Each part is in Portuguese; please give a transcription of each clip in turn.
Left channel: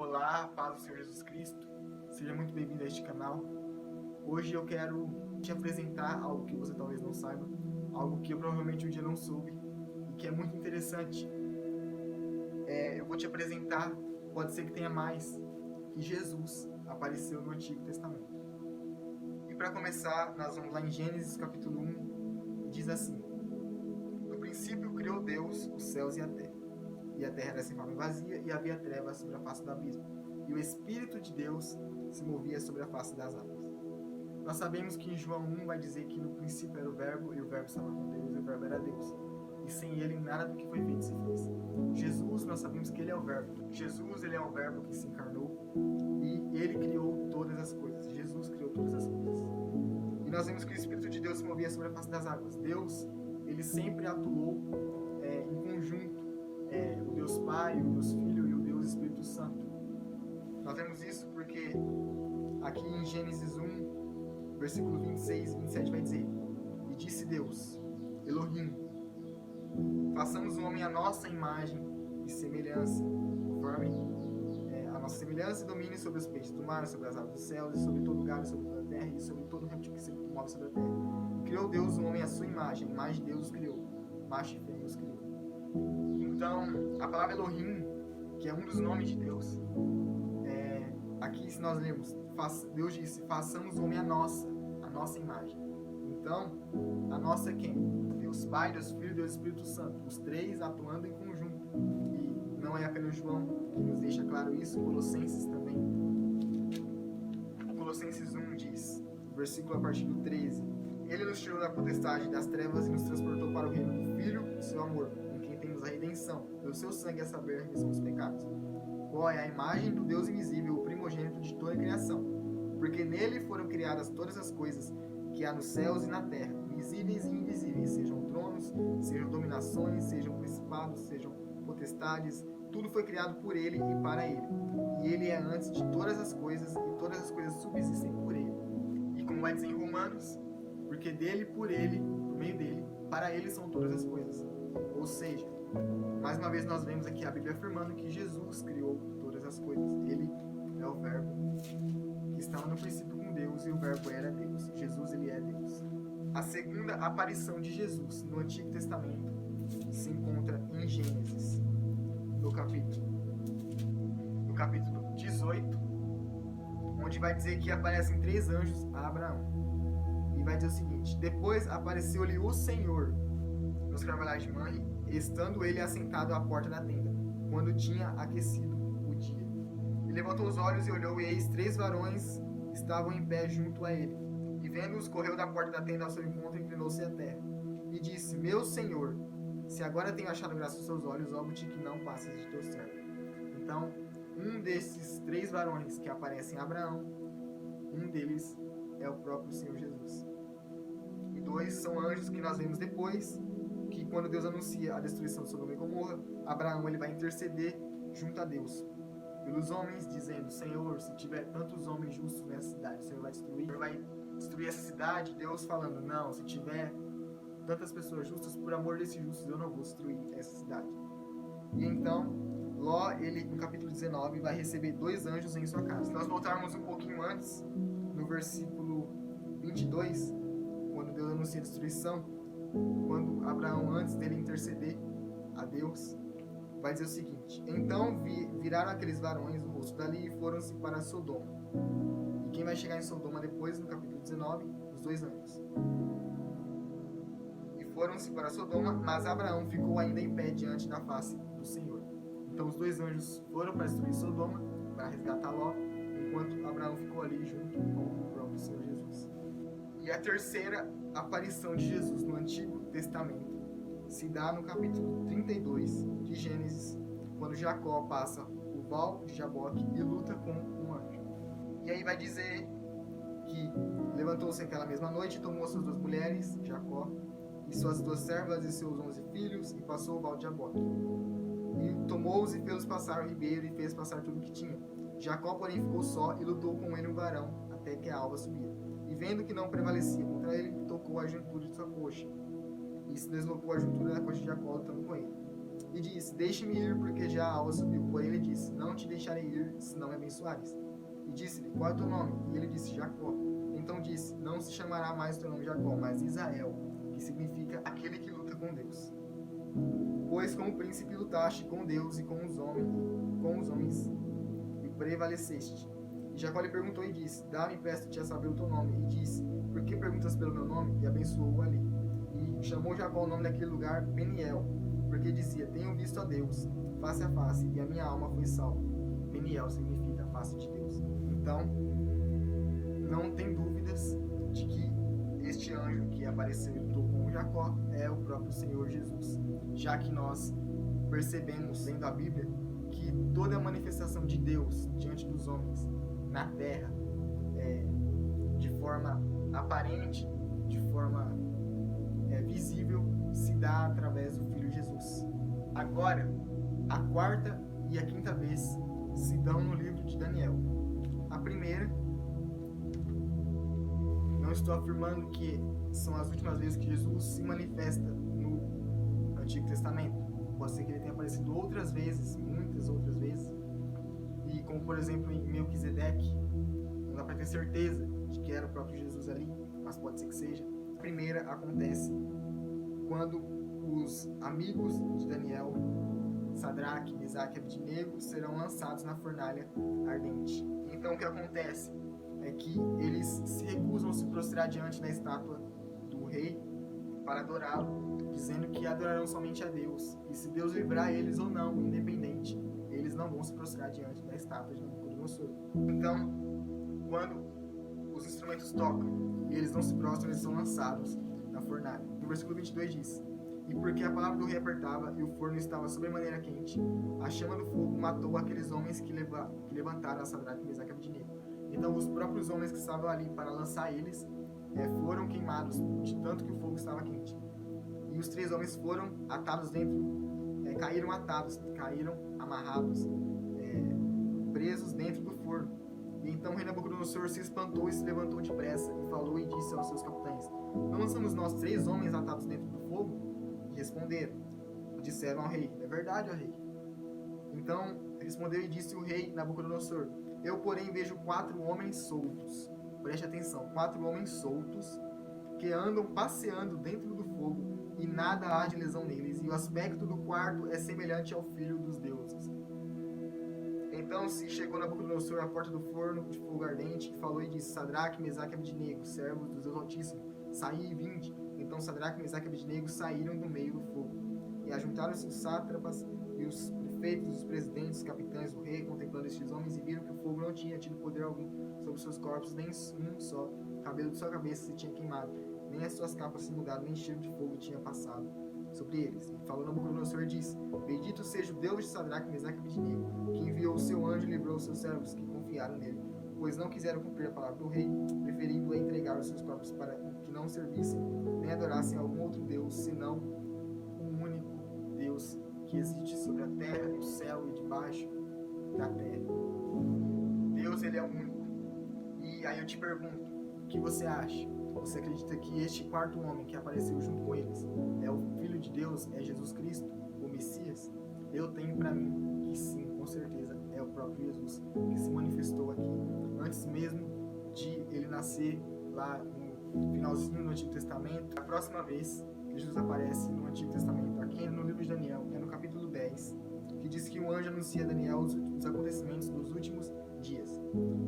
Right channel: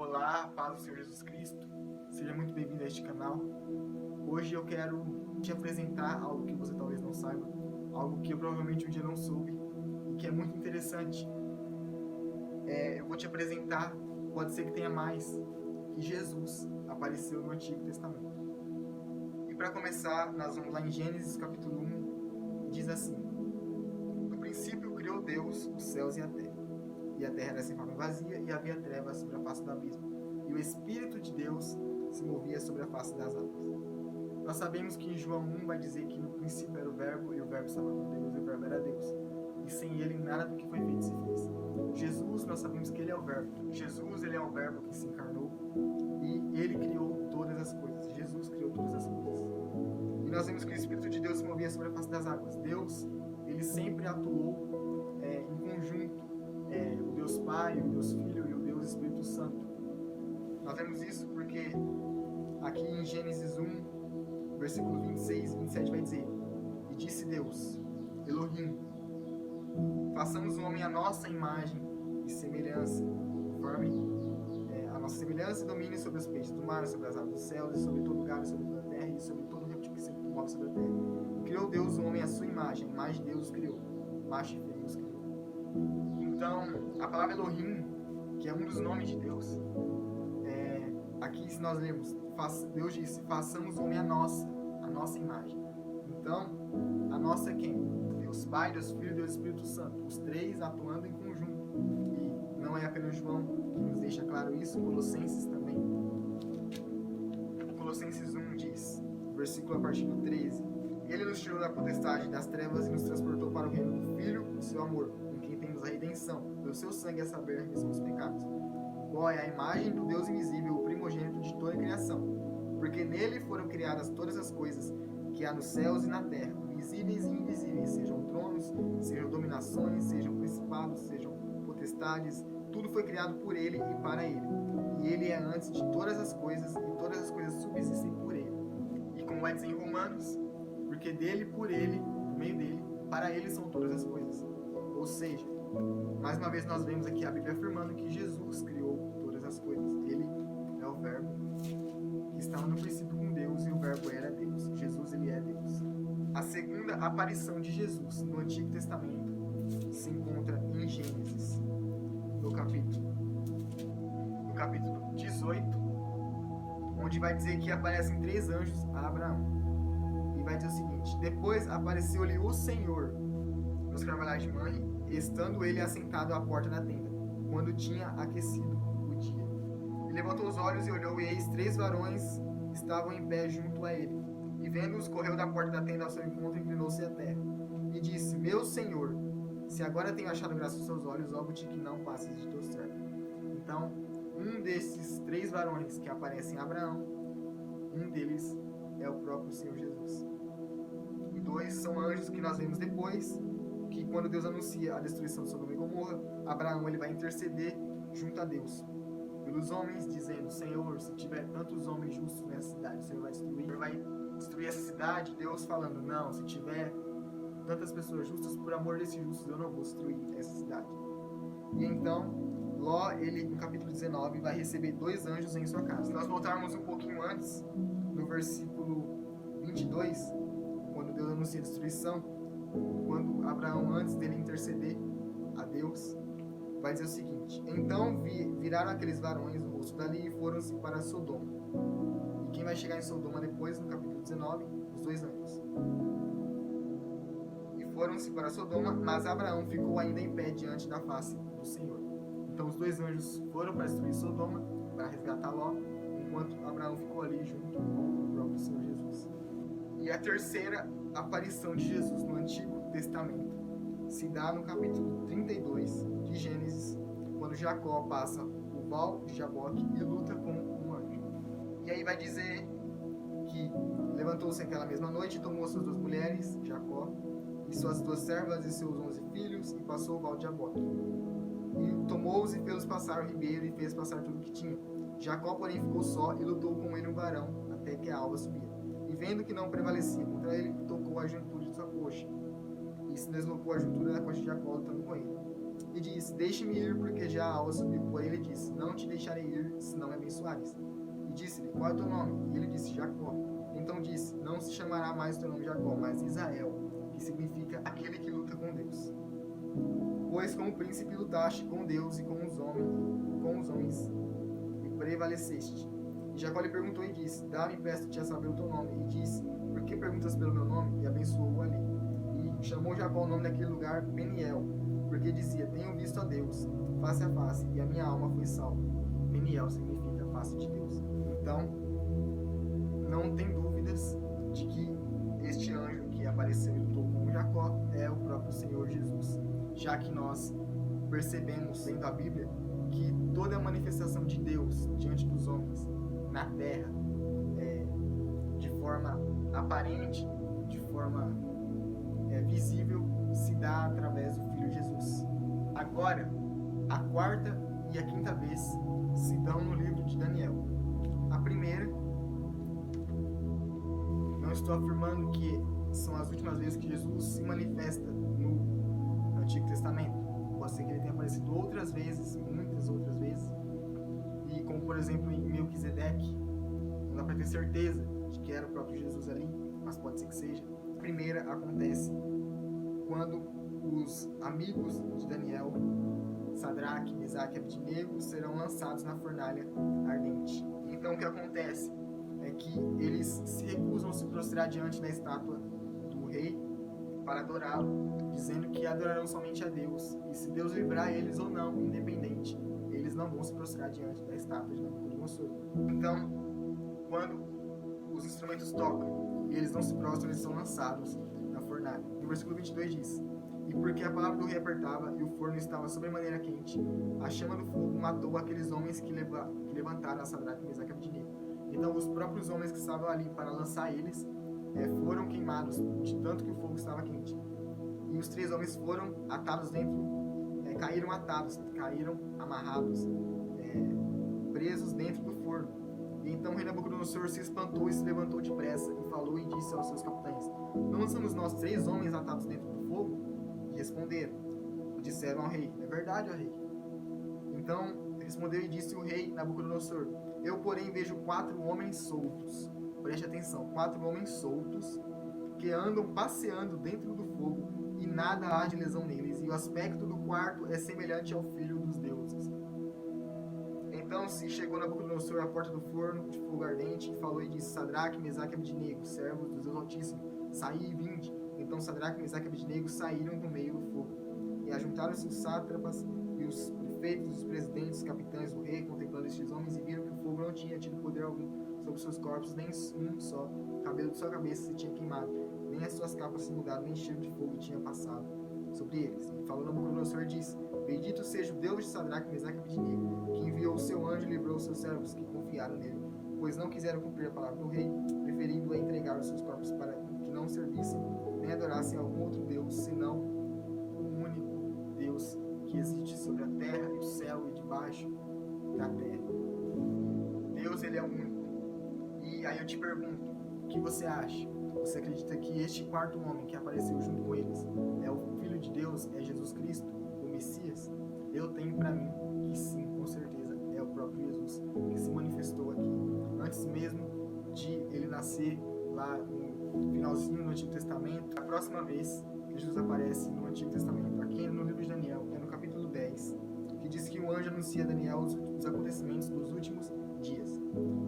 Olá, paz do Senhor Jesus Cristo. Seja muito bem-vindo a este canal. Hoje eu quero te apresentar algo que você talvez não saiba, algo que eu provavelmente um dia não soube e que é muito interessante. Eu vou te apresentar, pode ser que tenha mais, que Jesus apareceu no Antigo Testamento. E para começar, nós vamos lá em Gênesis capítulo 1, e diz assim: No princípio criou Deus os céus e a terra. E a terra era sem forma e vazia, e havia trevas sobre a face do abismo. E o Espírito de Deus se movia sobre a face das águas. Nós sabemos que em João 1 vai dizer que no princípio era o Verbo, e o Verbo estava com Deus, e o Verbo era Deus. E sem ele nada do que foi feito se fez. Jesus, nós sabemos que ele é o Verbo. Jesus, ele é o Verbo que se encarnou, e ele criou todas as coisas. Jesus criou todas as coisas. E nós vemos que o Espírito de Deus se movia sobre a face das águas. Deus, ele sempre atuou em conjunto. O Deus Pai, o Deus Filho e o Deus Espírito Santo. Nós vemos isso porque aqui em Gênesis 1, versículo 26 e 27 vai dizer: E disse Deus, Elohim, façamos o homem à nossa imagem e semelhança, conforme a nossa semelhança e domine sobre os peixes do mar, sobre as aves dos céus, e sobre todo gado, sobre toda a terra, e sobre todo réptil que se move sobre a terra. E criou Deus o homem à sua imagem, a imagem de Deus os criou, macho e fêmea os criou. Então, a palavra Elohim, que é um dos nomes de Deus, aqui se nós lemos, Deus disse, façamos o homem a nossa imagem. Então, a nossa é quem? Deus Pai, Deus Filho e Deus Espírito Santo, os três atuando em conjunto. E não é apenas João que nos deixa claro isso, Colossenses também. Colossenses 1 diz, versículo a partir do 13, Ele nos tirou da potestade das trevas e nos transportou para o reino do Filho do seu amor, temos a redenção, pelo seu sangue, a saber, a remissão dos pecados, o qual é a imagem do Deus invisível, o primogênito de toda a criação, porque nele foram criadas todas as coisas que há nos céus e na terra, visíveis e invisíveis, sejam tronos, sejam dominações, sejam principados, sejam potestades, tudo foi criado por ele e para ele, e ele é antes de todas as coisas, e todas as coisas subsistem por ele. E como vai dizer em Romanos, porque dele, por meio dele, para ele são todas as coisas. Ou seja, mais uma vez nós vemos aqui a Bíblia afirmando que Jesus criou todas as coisas. Ele é o Verbo que estava no princípio com Deus e o Verbo era Deus. Jesus, ele é Deus. A segunda aparição de Jesus no Antigo Testamento se encontra em Gênesis, no capítulo 18, onde vai dizer que aparecem 3 anjos a Abraão. E vai dizer o seguinte: Depois apareceu-lhe o Senhor nos carvalhais de Manre, estando ele assentado à porta da tenda, quando tinha aquecido o dia. E levantou os olhos e olhou, e eis 3 varões estavam em pé junto a ele. E vendo-os, correu da porta da tenda ao seu encontro e inclinou-se à terra. E disse: Meu Senhor, se agora tenho achado graça aos seus olhos, rogo-te que não passes de teu servo. Então, um desses 3 varões que aparecem a Abraão, um deles é o próprio Senhor Jesus. E 2 são anjos que nós vemos depois, que quando Deus anuncia a destruição de Sodoma e Gomorra, Abraão ele vai interceder junto a Deus pelos homens, dizendo: Senhor, se tiver tantos homens justos nessa cidade, o Senhor vai destruir essa cidade. Deus falando: não, se tiver tantas pessoas justas, por amor desses justos, eu não vou destruir essa cidade. E então, Ló, ele no capítulo 19, vai receber 2 anjos em sua casa. Se nós voltarmos um pouquinho antes, no versículo 22, quando Deus anuncia a destruição, quando Abraão, antes dele interceder a Deus, vai dizer o seguinte: Então viraram aqueles varões o rosto dali e foram-se para Sodoma. E quem vai chegar em Sodoma depois, no capítulo 19, os 2 anjos. E foram-se para Sodoma, mas Abraão ficou ainda em pé diante da face do Senhor. Então os 2 anjos foram para destruir Sodoma, para resgatar Ló, enquanto Abraão ficou ali junto com o próprio Senhor Jesus. E a terceira aparição de Jesus no Antigo Testamento se dá no capítulo 32 de Gênesis, quando Jacó passa o val de Jaboque e luta com um anjo. E aí vai dizer que levantou-se aquela mesma noite e tomou suas 2 mulheres, Jacó, e suas 2 servas e seus 11 filhos, e passou o val de Jaboque. E tomou-os e fez-os passar o ribeiro e fez passar tudo o que tinha. Jacó, porém, ficou só e lutou com ele um varão até que a alva subia. E vendo que não prevalecia contra ele, tocou a juntura de sua coxa. E se deslocou a juntura da coxa de Jacó, lutando com ele. e disse: deixe-me ir, porque já a alva subiu. Porém ele disse: não te deixarei ir, se não me abençoares. E disse-lhe: qual é o teu nome? E ele disse: Jacó. Então disse: não se chamará mais o teu nome Jacó, mas Israel, que significa aquele que luta com Deus. Pois como príncipe lutaste com Deus e com os homens, e prevaleceste. E Jacó lhe perguntou e disse: dá-me, peço-te a saber o teu nome. E disse: por que perguntas pelo meu nome? E abençoou-o ali. E chamou Jacó o nome daquele lugar Peniel, porque dizia: tenho visto a Deus face a face, e a minha alma foi salva. Peniel significa face de Deus. Então, não tem dúvidas de que este anjo que apareceu e lutou com Jacó é o próprio Senhor Jesus, já que nós percebemos, lendo a Bíblia, que toda a manifestação de Deus diante dos homens na terra, de forma aparente, de forma visível, se dá através do Filho Jesus. Agora, a quarta e a quinta vez se dão no livro de Daniel. A primeira, não estou afirmando que são as últimas vezes que Jesus se manifesta no Antigo Testamento. Pode ser que ele tenha aparecido outras vezes, muitas outras vezes. E como por exemplo em Melquisedeque, não dá para ter certeza de que era o próprio Jesus ali, mas pode ser que seja. A primeira acontece quando os amigos de Daniel, Sadraque, Mesaque e Abednego, serão lançados na fornalha ardente. Então o que acontece é que eles se recusam a se prostrar diante da estátua do rei para adorá-lo, dizendo que adorarão somente a Deus, e se Deus livrar eles ou não, independente, eles não vão se prostrar diante da estátua de Nabucodonosor. Então, quando os instrumentos tocam e eles não se prostram, eles são lançados na fornalha. No versículo 22 diz: e porque a palavra do rei apertava e o forno estava sobremaneira quente, a chama do fogo matou aqueles homens que levantaram a Sadraque, Mesaque e Abednego. Então os próprios homens que estavam ali para lançar eles foram queimados, de tanto que o fogo estava quente. E os 3 homens foram atados caíram amarrados, presos dentro do forno. E então o rei Nabucodonosor se espantou e se levantou depressa e falou e disse aos seus capitães: não lançamos nós 3 homens atados dentro do fogo? E responderam, disseram ao rei: é verdade, ó rei. Então respondeu e disse o rei Nabucodonosor: eu, porém, vejo 4 homens soltos. Preste atenção, 4 homens soltos que andam passeando dentro do fogo e nada há de lesão neles, e o aspecto do quarto é semelhante ao filho dos deuses. Então se chegou Nabucodonosor à porta do forno de fogo ardente e falou e disse: Sadraque, Mesaque e Abednego, servos do Deus Altíssimo, saí e vinde. Então Sadraque, Mesaque e Abednego saíram do meio do fogo. E ajuntaram-se os sátrapas e os prefeitos, os presidentes, os capitães do rei, contemplando estes homens, e viram que o fogo não tinha tido poder algum sobre seus corpos, nem um só cabelo de sua cabeça se tinha queimado, nem as suas capas se mudaram, nem cheiro de fogo tinha passado sobre eles. E falou Nabucodonosor, disse: bendito seja o Deus de Sadraque, Mesaque e Abednego, que enviou o seu anjo e livrou os seus servos que confiaram nele, pois não quiseram cumprir a palavra do rei, preferindo entregar os seus corpos para que não servissem nem adorassem algum outro Deus, senão o único Deus que existe sobre a terra e o céu e debaixo da terra. Deus, ele é único. E aí eu te pergunto, o que você acha? Você acredita que este 4º homem que apareceu junto com eles é o Filho de Deus, é Jesus Cristo, o Messias? Eu tenho para mim que sim, com certeza, é o próprio Jesus que se manifestou aqui, antes mesmo de ele nascer lá no finalzinho do Antigo Testamento. A próxima vez que Jesus aparece no Antigo Testamento, aqui no livro de Daniel, é no capítulo 10, que diz que o anjo anuncia a Daniel os acontecimentos dos últimos dias.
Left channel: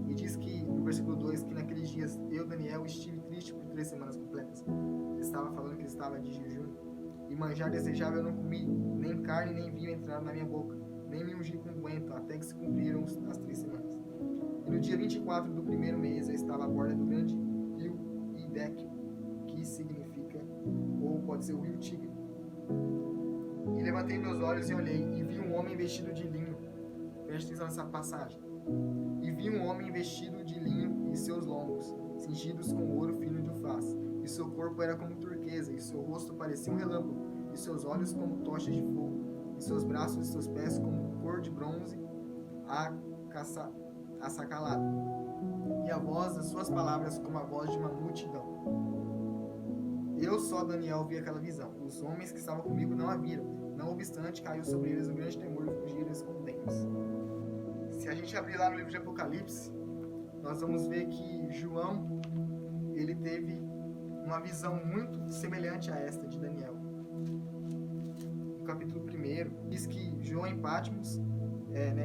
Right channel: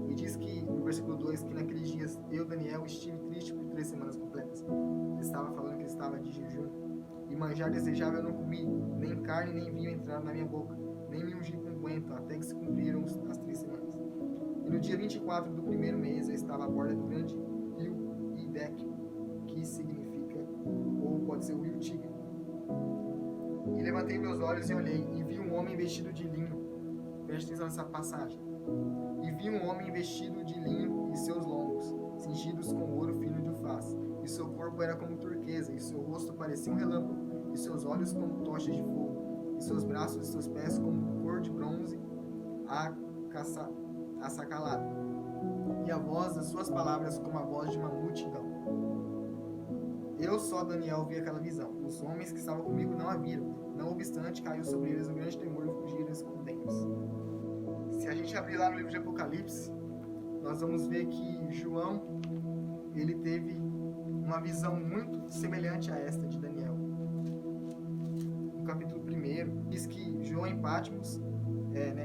E diz que, no versículo 2, que naqueles dias eu, Daniel, estive triste por 3 semanas completas. Ele estava falando que ele estava de jejum. E manjar desejável eu não comi, nem carne nem vinho entraram na minha boca, nem me ungi com unguento, até que se cumpriram as 3 semanas. E no dia 24 do 1º mês eu estava à borda do grande rio Hiddekel, que significa, ou pode ser o rio Tigre. E levantei meus olhos e olhei, e vi um homem vestido de linho. Preste atenção nessa passagem. E vi um homem vestido de linho e seus lombos, cingidos com ouro fino de ufaz, e seu corpo era como turquesa, e seu rosto parecia um relâmpago, e seus olhos como tochas de fogo, e seus braços e seus pés como cor de bronze assacalado, e a voz das suas palavras como a voz de uma multidão. Eu só, Daniel, vi aquela visão. Os homens que estavam comigo não a viram, Não obstante, caiu sobre eles um grande temor e fugiram escondendo-se. Se a gente abrir lá no livro de Apocalipse, nós vamos ver que João, ele teve uma visão muito semelhante a esta de Daniel. No capítulo 1, diz que João em Patmos,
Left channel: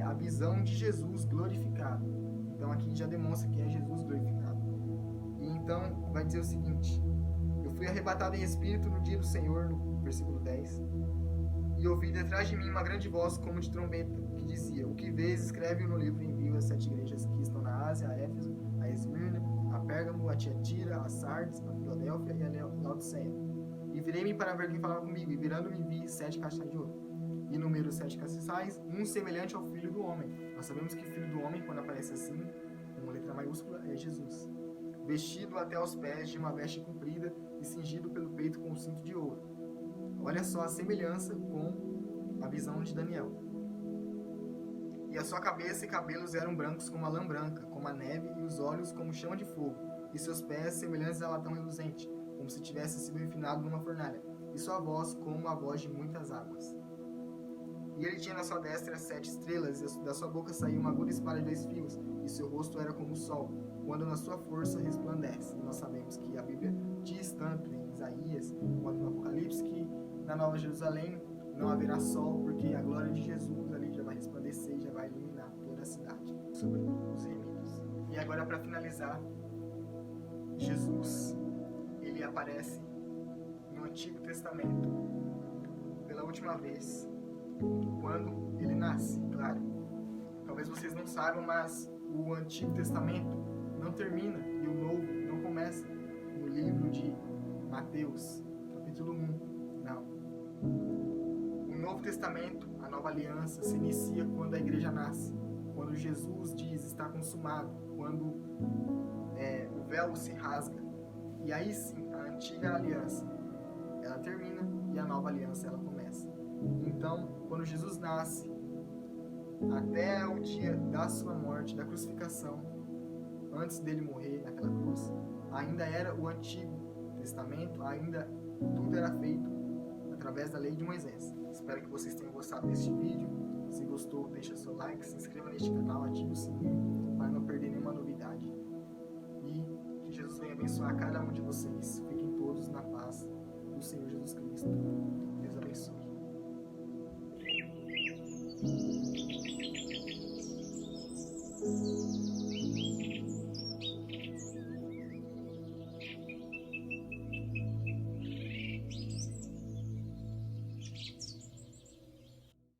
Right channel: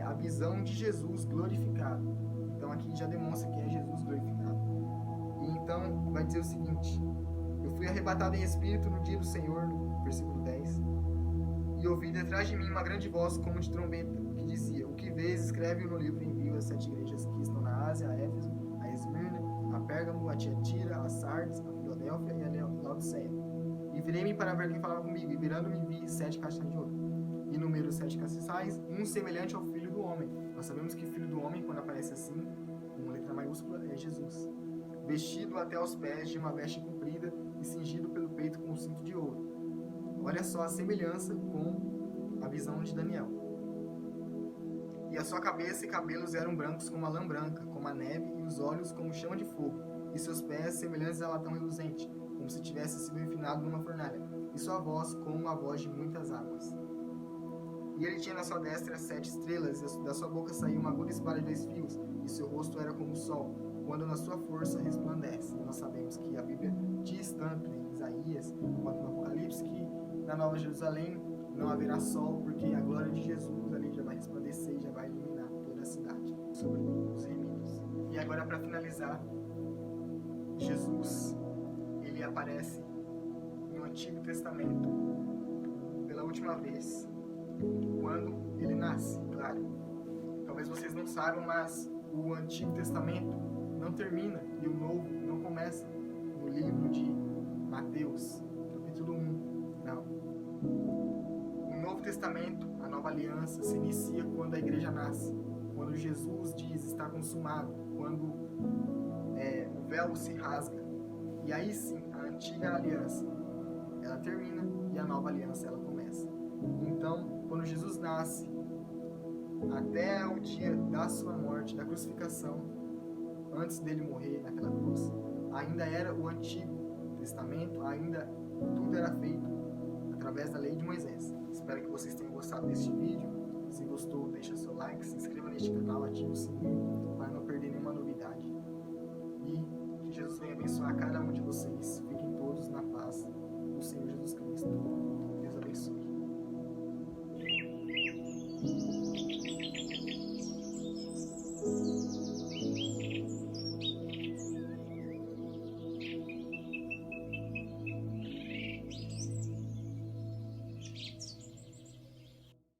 a visão de Jesus glorificado. Então aqui já demonstra que é Jesus glorificado. E então vai dizer o seguinte: eu fui arrebatado em espírito no dia do Senhor, no versículo 10, e ouvi detrás de mim uma grande voz como de trombeta, que dizia: o que vês, escreve-o no livro e envia às 7 igrejas que estão na Ásia, a Éfeso, a Esmirna, a Pérgamo, a Tiatira, a Sardes, a Filadélfia e a Laodiceia. E virei-me para ver quem falava comigo, e virando-me vi 7 caixas de ouro. E número 7 castiçais, um semelhante ao Filho do Homem. Nós sabemos que Filho do Homem, quando aparece assim, com uma letra maiúscula, é Jesus. Vestido até aos pés de uma veste comprida e cingido pelo peito com um cinto de ouro. Olha só a semelhança com a visão de Daniel. E a sua cabeça e cabelos eram brancos como a lã branca, como a neve, e os olhos como chama de fogo, e seus pés semelhantes a latão reluzente, como se tivesse sido enfinado numa fornalha, e sua voz como a voz de muitas águas. E ele tinha na sua destra 7 estrelas, e da sua boca saía uma aguda espada de 2 fios, e seu rosto era como o sol, quando na sua força resplandece. E nós sabemos que a Bíblia diz tanto em Isaías, quanto no Apocalipse, que na Nova Jerusalém não haverá sol, porque a glória de Jesus ali já vai resplandecer e já vai iluminar toda a cidade, sobre os remidos. E agora, para finalizar, Jesus, ele aparece no Antigo Testamento pela última vez, quando ele nasce, claro. Talvez vocês não saibam, mas o Antigo Testamento não termina e o Novo não começa no livro de Mateus, capítulo 1, não. O Novo Testamento, a Nova Aliança, se inicia quando a igreja nasce, quando Jesus diz está consumado, quando o véu se rasga. E aí sim, a Antiga Aliança, ela termina e a Nova Aliança, ela começa. Então, quando Jesus nasce, até o dia da sua morte, da crucificação, antes dele morrer naquela cruz, ainda era o Antigo Testamento, ainda tudo era feito através da lei de Moisés. Espero que vocês tenham gostado deste vídeo. Se gostou, deixa seu like, se inscreva neste canal, ative o sininho para não perder nenhuma novidade. E que Jesus venha abençoar cada um de vocês. Fiquem todos na paz do Senhor Jesus Cristo. Deus abençoe.